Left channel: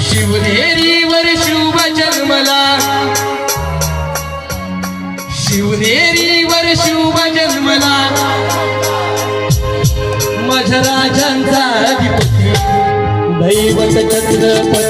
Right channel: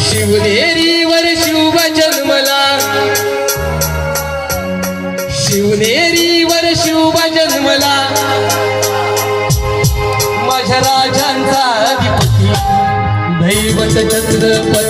शिवनेरीवर शिव जन्मला, शिवनेरीवर शिव जन्मला, माझ्या राजांचा अधिपती दैवत छत्रपती